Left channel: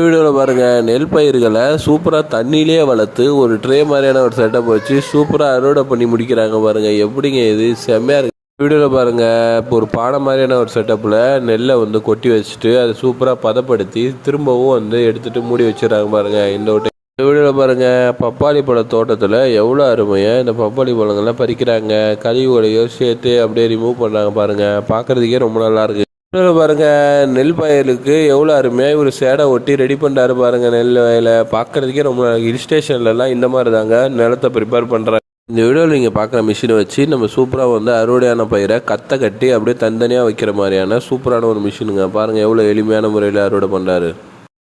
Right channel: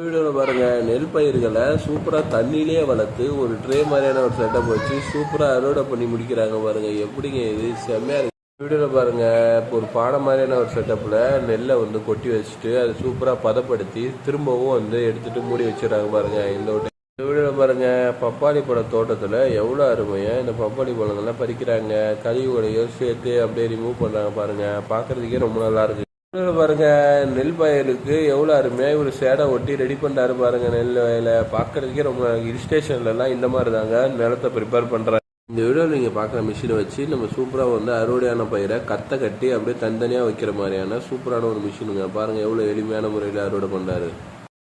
வீடியோவில் பாருங்கள், நெல் பயிர்களை சூப்பராக தண்ணியிலே வளர்த்து ஒரு ட்ரே மாதிரியான ஒரு செட்டப் வச்சு சூப்பராக அறுவடை பண்ணி முடிக்கிறாங்க பாருங்கள். எப்படிங்க இது செம்மையாக இருக்குது. வீடியோவில் பாருங்கள், இப்போ ஒரு பானை மாதிரியான ஒரு செட்டப்பில் நெல்லை வந்து கொட்டி வச்சுட்டு அதை சூப்பராக பதப்படுத்தி திரும்பவும் வந்து எடுத்துகிட்டு மூடி வச்சுறாங்க பாருங்கள். இந்த வீடியோவில் பாருங்கள், பப்பாளி பழ தோட்டத்தில் எவ்வளோ அருமையாக இந்த பப்பாளி பழங்கள்லாம் பறிக்கிறாங்க. கழிவுகளையும் சேர்த்து அப்படியே ரிமூவ் பண்ணுறாங்க பாருங்கள். பார்க்குறதுக்கே ரொம்ப நல்லாயிருக்கு. பாருங்க, நெல் வயலுக்கு எவ்வளோ அருமையாக இவர் சேடை ஒட்டி ரெடி பண்ணுறாரு பாருங்க. நெல் வயலை பார்க்குறதுக்கே ரொம்ப ஹில் ஸ்டேஷன்லலாம் இந்த மாதிரி தாங்க நிலத்தை ப்ரிப்பேர் பண்ணுறாங்க. இந்த வீடியோவில் நீங்கள் பார்க்குற மிஷினை வச்சு நம்ம சூப்பராக வந்து அறுவடையான பயிரை கத்தை கட்டி அப்படியே தனித்தனியாக வைக்கிற மாதிரியான சூப்பரான ஒரு மிஷினுங்க. பாருங்கள் எவ்வளோ எளிமையான முறையில் அறுவடை பண்ணுறாரு.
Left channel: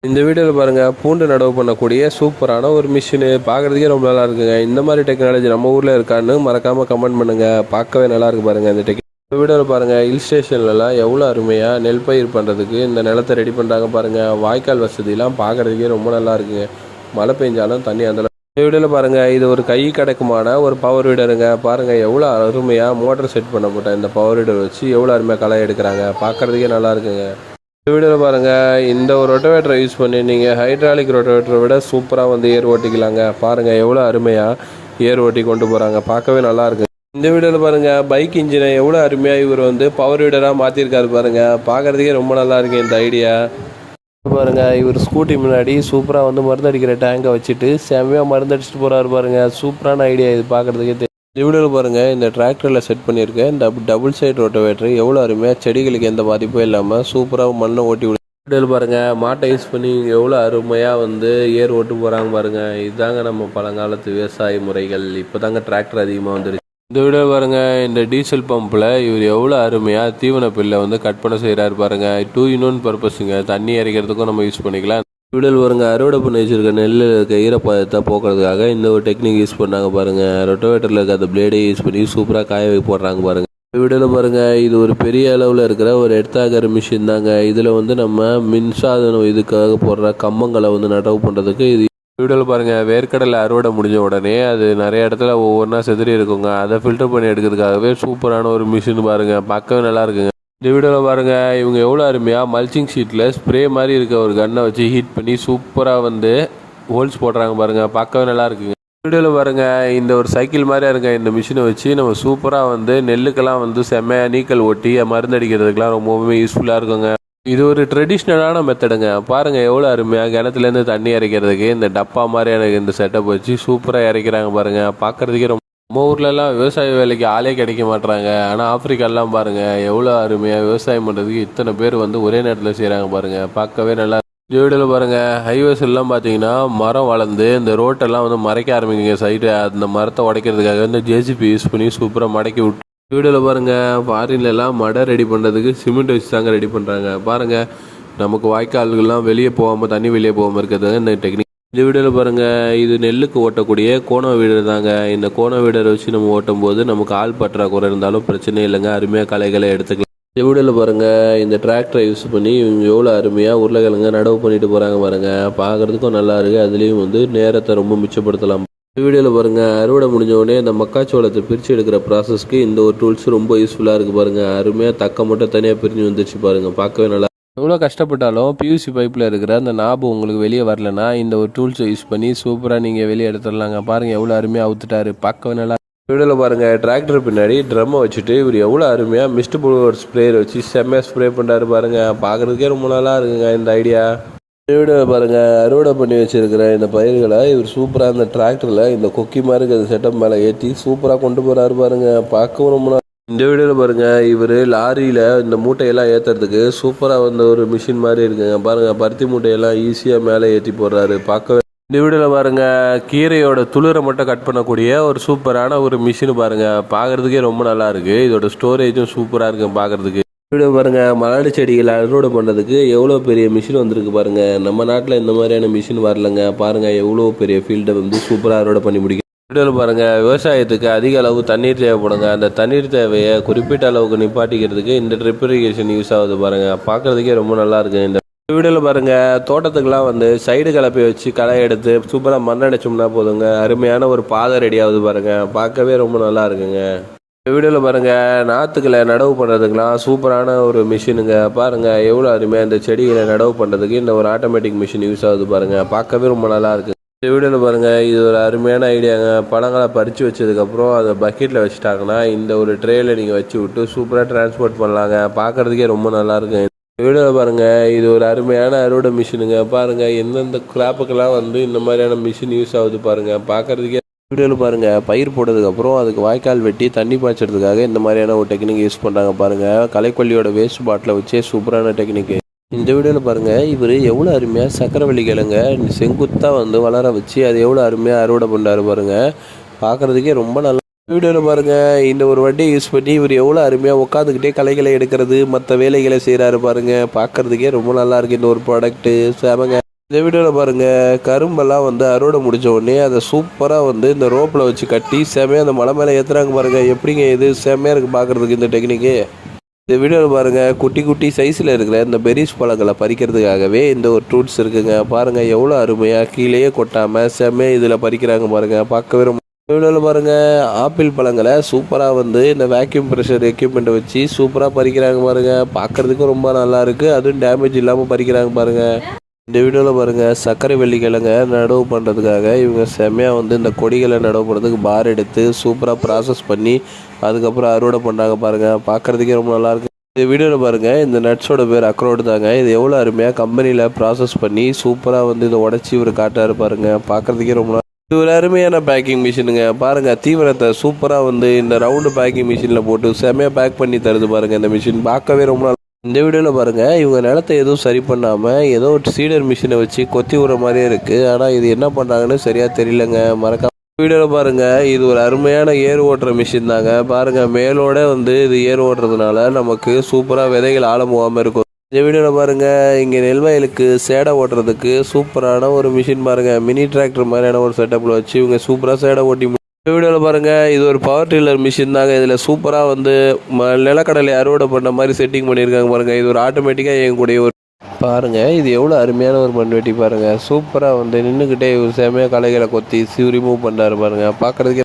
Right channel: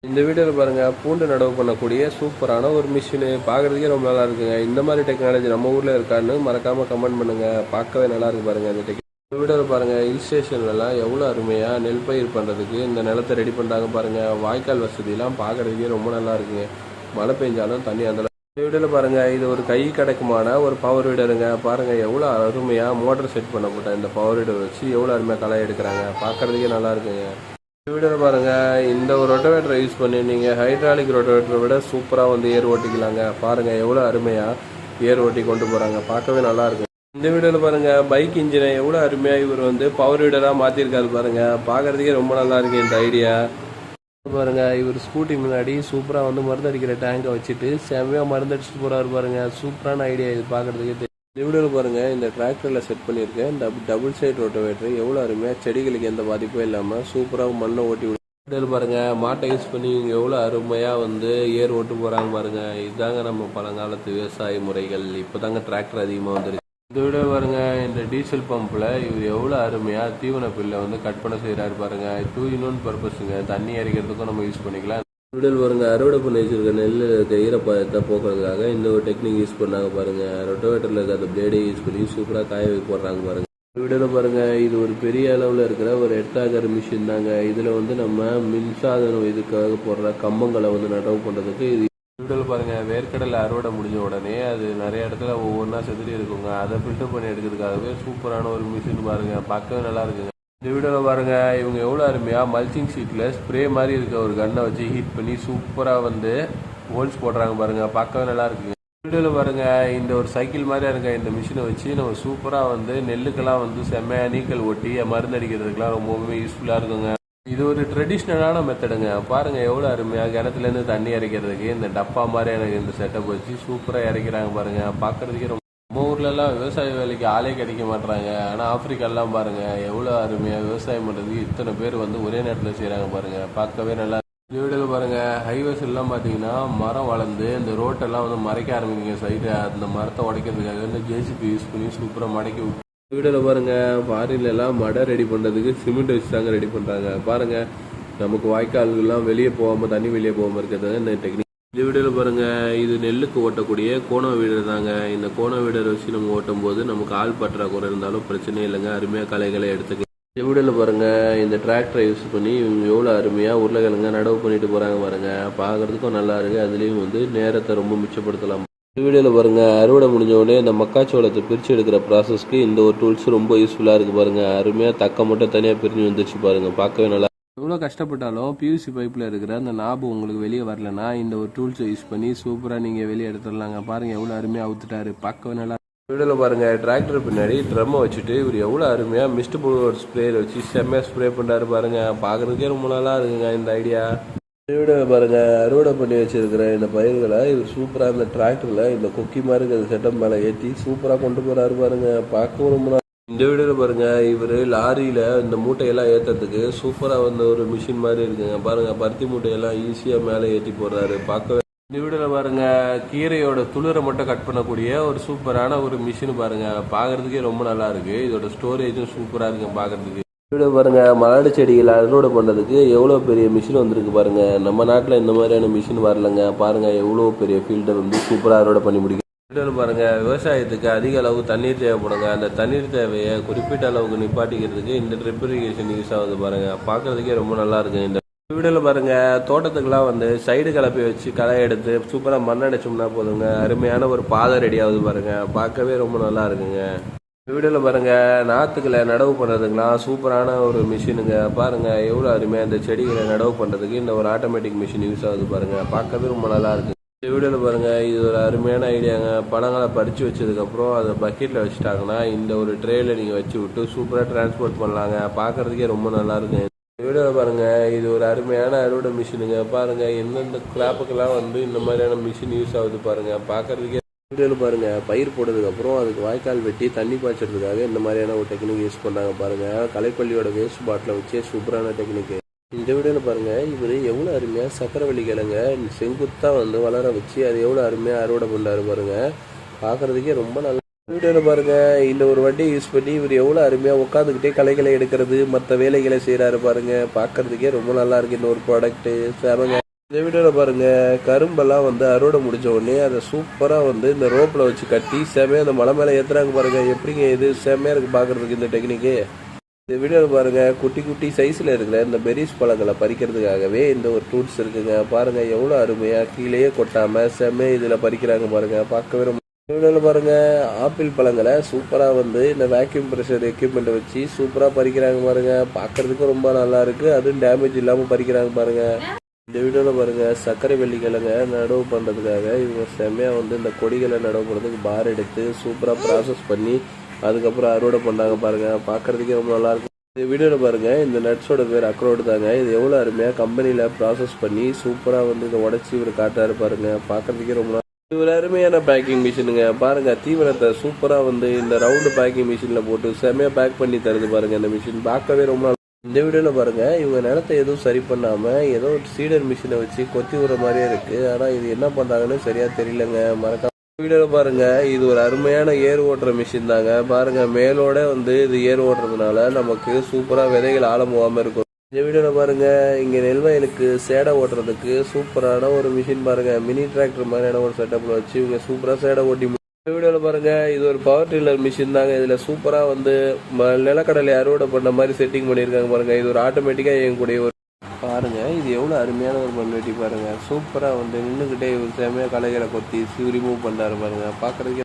இந்த வீடியோவில் பாருங்கள், பூண்டு நடவு பண்ணக்கூடிய சூப்பரான ஒரு மிஷினு. பார்க்குறதுக்கே ரொம்ப நல்லா இருக்குங்க. இந்த மாதிரி டெக்னாலஜி நம்ம ஊரில் இருக்கான்னு மறக்காமல் கமெண்ட் பண்ணுங்கள். பார்க்கவே நல்லா இருக்கு பாருங்கள். இந்த வீடியோவில் பாருங்கள், ஹில் ஸ்டேஷன்லலாம் எவ்வளோ அருமையாக நெல் பயிர் பண்ணுறதுக்கு இந்த நிலத்தை ரெடி பண்ணுறாங்க பாருங்கள். வாய்க்கால் வசதியெலாம் பார்க்குறதுக்கே ரொம்ப நல்லா இருக்குங்க. மழை பெஞ்சாலும் தண்ணி அந்த வீடியோவில் பாருங்கள், இது ஒரு கை கடக்குமான ஒரு பவர் வீடருங்க. பாருங்கள் எவ்வளோ அருமையாக மோட்டர் செட் பண்ணப்பட்ட இந்த பவர் வீடர் வச்சு எவ்வளோ அருமையாக களை எடுக்கிறாங்க. பார்க்குறதுக்கே நல்லா இருக்குங்க. வீடியோவில் பாருங்கள், இந்த ஒரு ரொட்டோவேட்டரை யூஸ் பண்ணி நீங்கள் ஹைட்ராலிக் ரொட்டோவேட்டரை விட சூப்பராக வந்து ஏர் ஓட்டிக்கலாங்க. பாருங்கள் எவ்வளோ அருமையாக ஏர் ஓட்டி கொண்டு போகிறாங்க. பார்க்கவே நல்லா இருக்குது. இந்த வீடியோவில் பாருங்கள், பைக் இன்ஜினை எவ்வளோ அருமையாக இவர் வந்து பவர் வீடராக மாற்றிருக்காரு பாருங்கள். பார்க்குறதுக்கே ரொம்ப நல்லா இருக்குது இந்த ஐடியா. பாருங்கள், இவர் ஸ்கூட்டி முன்னாடி சூப்பராக வந்து மருந்து அடிக்கிற டேங்கை வச்சுட்டு செம்மையாக மருந்து அடிச்சுட்டு போகிறாரு பாருங்கள். சூப்பரான ஐடியா இது பார்க்குறதுக்கே. இந்த வீடியோவில் பாருங்கள், இந்த டிராக்டரில் செட் பண்ணியிருக்கேன் இந்த டபுள் சைட் ரோட்டோவேட்டர் எவ்வளோ அருமையாக செடிகளுக்கு எந்த பாதிப்பும் இல்லாமல் சூப்பராக மண்ணை ஓட்டி விடு. வீடியோவில் பாருங்கள், மாட்டை யூஸ் பண்ணி எவ்வளோ அருமையாக வந்து ஏர் ஓட்டு போகிறாங்க பாருங்கள். இதுதாங்க நம்ம பழங்காலத்து விவசாய முறைகள். இப்போ தாங்க டிராக்டர் அதிகமாக வந்துருக்கு. இந்த வீடியோ பாருங்கள், இந்த டீசல் பம்பில் இவர் எவ்வளோ அருமையாக தீவன பில்லை வந்து கட் பண்ண செய்கிறாரு பாருங்கள். 2 in 1 பர்பஸுங்க. தண்ணி இறைக்கிறதுக்கும் நம்ம யூஸ் பண்ணிக்கலாம். வீடியோவில் பாருங்கள், அறுவடை பண்ணி வச்சுருக்க நெல்லில் இருக்க ஈரப்பதத்தை போக்குறதுக்காக இந்த ஒரு டெக்னிக் யூஸ் பண்ணாங்க பாருங்கள். ரொட்டோவேட்டரில் இருக்க அந்த பிளேடே யூஸ் பண்ணி சூப்பராக காய போடுறாங்க பாருங்கள். வீடியோவில் பாருங்கள், இது ஒரு பெரிய அளவில் இருக்கிற ஒரு எர்த்தாகர் மிஷின் தாங்க. இதில் வந்து நம்ம மின்சாதனம் இதுக்காக போடுற கம்பங்களை வந்து நடவு பண்ணுறதுக்கு இது. வீடியோவில் பாருங்கள், வேர்க்கடலை அறுவடை முடிஞ்ச உடனே அது நிறைய இடத்துல ஒவ்வொன்றா செதறி இருக்குங்க. அதை ஃபில்டர் பண்ணி எடுக்கிறதுக்காகவே சூப்பரான ஒரு மிஷின் பாருங்கள். பார்க்கவே நல்லா இருக்குங்க. இந்த வீடியோவில் பாருங்கள், இவங்க எவ்வளோ அருமையாக மல்ச்சிங் ஷீட்டில் ஸ்ப்ரே மாதிரி இருக்க ஒரு கன்னை வச்சு ஹீட் பண்ணி சூப்பராக வந்து ஹோல்ஸ் போடுறாங்க பாருங்கள். பார்க்கவே நல்லா இருக்குங்க. வீடியோவில் பாருங்கள், இந்த ஒரு சைக்கிள் மாதிரியா இருக்க இந்த மிஷினை வச்சு நம்ம சூப்பராக வந்து நெல்லுக்கெல்லாம் வந்து செம்மையாக நீக்கல் ஒட்டி மருந்து அடிக்கிறதுக்கெலாம் ரொம்பவுமே யூஸ்ஃபுல்லாக இருக்குங்க. இது ஒரு ட்ரெடிஷ்னலான மெத்தடுங்க. பாருங்கள் எவ்வளோ அருமையாக கிணத்துலேருந்து தண்ணி இறைக்கிறதுக்கு இந்த டப்பா மாதிரியான இந்த செட்டப் வச்சு சூப்பராக இறைக்கிறாங்க பாருங்கள். பார்க்குறதுக்கே நம்ம ஊர்லலாம் விவசாய வேலைக்கு ஆளே கிடைக்க மாட்டுறாங்க. ஆனால் ஆப்பிரிக்காலாம் பாருங்கள் எவ்வளோ அருமையாக விவசாயம் பண்ணுறதுக்கு இத்தனை பேர் வந்து ஒரே நேரத்தில் செய்கிறாங்க பாருங்கள். பார்க்கவே நல்லா. வீடியோவில் பாருங்கள், ஹைவேஸ் எல்லாம் பார்த்தீங்கன்னா மரம் வளர்ந்து இந்த ரோட்டெல்லாம் வந்து மறைக்க ஆரம்பிக்குங்க. சைடு அந்த மரத்தை உடைக்கிறதுக்காக வந்து ஜேசிபி யூஸ் பண்ணி சூப்பராக மடக்கி விட்டு. வீடியோவில் பாருங்கள், ஃபாரின்லலாம் மடை ரெடி பண்ணுறதுக்கு சிமெண்ட் வச்சு தாங்க ரெடி பண்ணுறாங்க. பாருங்கள், நமக்கு வாய்க்கால்கள்லாம் வெளியே போகாமல் தண்ணி வெளியே போகாமல் இருக்கிறது இந்த டெக்னிக். இந்த வீடியோவில் பாருங்கள், இது நெல்லுக்கு ஓட்டக்கூடிய கோண வீடர் தாங்க. இந்த கோண வீடரை வச்சு நம்ம ஓட்டும் போது நமக்கு ஆள் பற்றாக்குறை இருந்தாலும் பிரச்சனை இல்லைங்க. அருமையாக களைகளை எடுத்துக்கலாம். இந்த வீடியோவில் பாருங்கள், இந்த டிராக்டரை யூஸ் பண்ணி இவங்க எவ்வளோ அருமையாக உருளைக்கிழங்க நடவு பண்ணிட்டு போகிறாங்க பாருங்கள். பார்க்குறதுக்கும் நல்லா இருக்குது. அதுலேயும் வந்து நேரத்தை ரொம்ப மிச்சப்படுத்தலாம். வீடியோவில் பாருங்கள், அறுவடை முடிஞ்ச உடனே இந்த மக்காச்சோளத்தை பிரித்து எடுக்கிற ப்ராசஸ்க்கு இந்த ஒரு டூல்ஸ் ரொம்ப யூஸ்ஃபுல்லாக இருக்குது பாருங்கள். அருமையாக தக்க மட்டும் தனியாக பிரிஞ்சு வந்துச்சு பாருங்கள். பார்க்கவே நல்லா. எவ்வளோ கஷ்டப்பட்டாலும் பியூசி பைப்பில் இருக்கிற அந்த நாபு உங்களுக்கு வெளியே வரலன்னா இந்த ஒரு டூல்ஸை யூஸ் பண்ணி சூப்பராக நீங்கள் வெளியே எடுத்துடலாங்க. பாருங்கள் எவ்வளோ அருமையாக அவுத்துட்டாரு. பார்க்கவே நல்லா. வீடியோவில் பாருங்கள், டிராக்டர் பின்னாடி ட்ரம்மை வச்சுட்டு இவர் எவ்வளோ அருமையாக மிஸ்ட் புளூவர் ஸ்ப்ரேயர் வச்சு செம்மையாக ஸ்ப்ரே பண்ணுறாரு பாருங்கள். பார்க்குறதுக்கே ரொம்ப நல்லா இருக்குங்க இந்த ஐடியா. வீடியோ பாருங்கள், அறுவடை பண்ணி வச்சுருக்கிற இந்த பயிர்களை இவர் சூப்பராக இந்த டிராக்டரில் இந்த கொக்கி மாதிரி இருக்கிற செட்டப் மேலே ஏற்றி சூப்பராக கொண்டு போகிறாரு பாருங்கள். பார்க்கவும் ரொம்ப. இந்த வீடியோவில் பாருங்கள், இவர் லாரியில் இந்த மூட்டையெல்லாம் ஏற்றுறதுக்கு சூப்பராக வந்து ஒரு மிஷின் மாதிரி இருக்குங்க. பாருங்கள், பருத்தி மூட்டையெல்லாம் ஈஸியாக மேலே ஏற்றி போடுறாரு. பார்க்கவே. இந்த வீடியோவில் பாருங்கள், கீரையோட துளிரை மட்டும் கட் பண்ணக்கூடிய ஒரு சூப்பரான ஒரு மிஷின் பாருங்கள். பார்க்குறதுக்கே ரொம்ப நல்லா இருக்குது. இதோட ஸ்டோரேஜும் சூப்பராக இருக்குது பார்க்குறதுக்கு. வீடியோ பாருங்கள், மலாடி செடிகளை அறுவடை பண்ணுறதுக்கு எவ்வளோ பெரிய மிஷின் வந்திருக்கு பாருங்கள். நம்ம நாட்டில் இந்த மாதிரியான மிஷின் வரலைங்க. பாருங்கள் எவ்வளோ பெரிய ஃபீல்டை வந்து சூப்பராக அறுவடை பண்ணி முடிக்கும். வீடியோவில் பாருங்கள், விவசாயத்துக்கு அதிக அளவு தண்ணீர் தேவைப்படுங்க. அந்த தண்ணீர் தேவையை குறிப்பிட்ட அளவுக்கு நிப்பாட்டிக்கிறதுக்கு இந்த ட்ரிப் இரிகேஷன் யூஸ் ஆகுது பாருங்கள். பார்க்குறதுக்கே ரொம்ப நல்லா இருக்குது. இந்த வீடியோவில் பாருங்கள், தோட்டத்துக்கெலாம் வந்து சைடு கலப்பை வச்சு களை எடுத்து சூப்பராக மண் அடைச்சோம்னா போதுங்க. அருமையான ஒரு பாதை ரெடி ஆகுது பாருங்கள். பார்க்கவே ரொம்ப நல்லா இருக்குங்க. இந்த வீடியோவில் பாருங்கள் நாற்றுக்களை நடவு பண்ணுறதுக்கெலாம் சூப்பரான ஒரு மிஷினுங்க. பாருங்கள் எவ்வளோ அருமையாக இந்த செடிகளை நடவு பண்ணுறதுக்கு இந்த ஒரு ஆட்டோமேட்டிக் மிஷின் யூஸ் ஆகுது பாருங்கள். பார்க்கவே ரொம்ப நல்லா இருக்குது. இந்த வீடியோவில் பாருங்கள் இது ஒரு அருமையான ஐடியாங்க. பழங்களை பறித்து வச்சதுக்கப்புறம் அதை பக்கெட்டில் வச்சுட்டாங்கன்னா இந்த ஒரு ட்ரேயில் நீங்கள் வச்சு விட்டு சூப்பராக டிரான்ஸ்போர்ட் பண்ணலாங்க. பார்க்குறதுக்கே ரொம்ப நல்லாயிருக்கு. இந்த வீடியோவில் பாருங்கள் இது ஒரு அருமையான அறுவடை மிஷினுங்க. பாருங்கள் எந்தெந்த கிராப்புக்கெல்லாம் இந்த மாதிரியான மிஷின் யூஸ் ஆகுது பாருங்கள். பார்க்குறதுக்கே வீடியோவில் பாருங்கள் பயிர் போட்டதுக்கப்புறம் அதுக்கு வாய்க்கால் வெட்டி தண்ணி பாய்ச்சறதுக்காக இந்த மாதிரியான ஒரு டெக்னிக் யூஸ் பண்ணுறாங்க பாருங்கள். களைக்கொல்லியோட வேஸ்ட் பாட்டில் வச்சே சூப்பரான டெக்னிக்கு. இந்த வீடியோவில் பாருங்கள் இவர் எவ்வளோ அருமையாக சக்கரவள்ளி கிழங்க செங்குத்தாக வளர வச்சு அது எவ்வளோ அருமையாக அறுவடை பண்ணுறாரு பாருங்கள். பார்க்குறதுக்கே ரொம்ப நல்லா. வீடியோவில் பாருங்கள் இந்த ஒரு வண்டியை யூஸ் பண்ணி இவர் எவ்வளோ அருமையாக உட்காந்துக்கிட்டே களைகளை எடுக்கிறது மற்ற வேலைகளை செய்கிறாரு பாருங்கள். பார்க்குறதுக்கே ரொம்ப நல்லாயிருக்கு இந்த ஒரு ப்ராடக்ட்டு சேமங்க. இந்த வீடியோவில் பாருங்கள் கரும்பெல்லாம் அறுவடை முடித்த உடனே அதை சூப்பராக இந்த ரோப்பில் வச்சு கட்டி செமையாக அந்த மலை மேலே ஏற்றுறாங்க பாருங்கள். எப்படிங்க இது செமையாக இருக்குது பார்க்குறதுக்கு இந்த டெக்னிக்கு. இந்த வீடியோவில் பாருங்கள் குட்டி குட்டி சைஸில் இருக்கிற இந்த பெரிஸ் பழங்களை பறிக்கிறதுக்காகவே இந்த ஒரு டூல்ஸ் இருக்குங்க. பாருங்கள் எவ்வளோ அருமையாக கீழேயே கொட்டாமல் செமையாக இதில் பறிக்கிறாங்க பாருங்கள். பார்க்கவே ரொம்ப. வீடியோவில் பாருங்கள் ஆப்பிள் பழங்களை சூப்பராக இந்த வேக்யூம் ப்ரெஷர் எக்யூப்மெண்ட்டை வச்சு சூப்பராக பறிக்கிறாங்க பாருங்கள். பார்க்குறதுக்கும் ரொம்ப நல்லாயிருக்கு. அதுவும் டேமேஜ் இல்லாமல் பறிக்கிறாங்க பாருங்கள். இந்த வீடியோவில் பாருங்கள் சர்க்கரை வெள்ளிக்கிழங்க நடவு பண்ணுறதுக்காக இவங்க செம்மையாக இந்த கொடிகளை நடவு பண்ணுறதுக்கு பார் எடுத்து சூப்பராக ப்ராசஸ் பண்ணி அதுக்கப்புறம் அறுவடை பண்ணாங்க பாருங்கள். பார்க்குறதுக்கே ரொம்ப நல்லாயிருக்கு. இந்த வீடியோவில் பாருங்கள் இந்த நட்ஸோட பேர் அக்ரோடு தாங்க. இது எவ்வளோ அருமையாக கம்பெனியில் ப்ராசஸ் பண்ணி சூப்பராக இதை உடச்சி இவர் காட்டாரு பாருங்கள். பார்க்குறதுக்கே ரொம்ப நல்லா. இது ஒரு அருமையான பேக்கிங் மிஷினுங்க. பாருங்கள் தீவிரத்தை சூப்பராக இந்த ரவுண்டு பேக்கிங் மிஷினில் போட்டு செம்மையாக பேக் பண்ணி தருது பாருங்கள். இந்த மிஷின் பார்க்கவே ரொம்ப நல்லா. இந்த வீடியோவில் பாருங்கள் இவங்க நிலத்தை எதுவும் சரி பண்ணாமல் ஏதோ ஒரு சீடர் மிஷினை வச்சு கொத்தி விடுற மாதிரியே இருக்குது. ஆனால் இது என்ன பண்ணுறாங்கன்னு சரியாக தெரியலங்க. மறக்காம வீடியோவில் பாருங்கள் இது ஒரு அருமையான ஏர் ஓட்டுற மிஷின் தாங்க. பாருங்கள் மேலோட இது ஏர் ஓட்டுறதுனால நமக்கு சூப்பராக விதைகள் ஆழ போகாமல் இருக்கும். இந்த வீடியோவில் பாருங்கள் இங்கே நெல்வயலுக்கு சேடை ஓட்டுறதுக்கு சூப்பரான ஒரு மிஷின் பாருங்கள். மினி டிராக்டர் மாதிரியான ஒரு செட்டப்பில் வச்சு இவங்க சூப்பராக சேடை ஓட்டி. இந்த வீடியோவில் பாருங்கள் இது ஒரு பவர் டில்லர் மிஷின் தாங்க. இதில் சூப்பராக நிலக்கடலை அறுவடை பண்ண மாதிரி செட்டிங் பண்ணியிருக்காங்க பாருங்கள். இது ஒரு ஆட்டோமேட்டிக்காக இயங்கக்கூடிய ஒரு பாருங்கள். இது எவ்வளோ அருமையான ஒரு மண்வெட்டி பாருங்கள். சூப்பராக நின்றுக்கிட்டே ஒரு செமையாக களைகளை கொத்தி ரிமூவ் பண்ணுறாரு பாருங்கள். பார்க்குறதுக்கே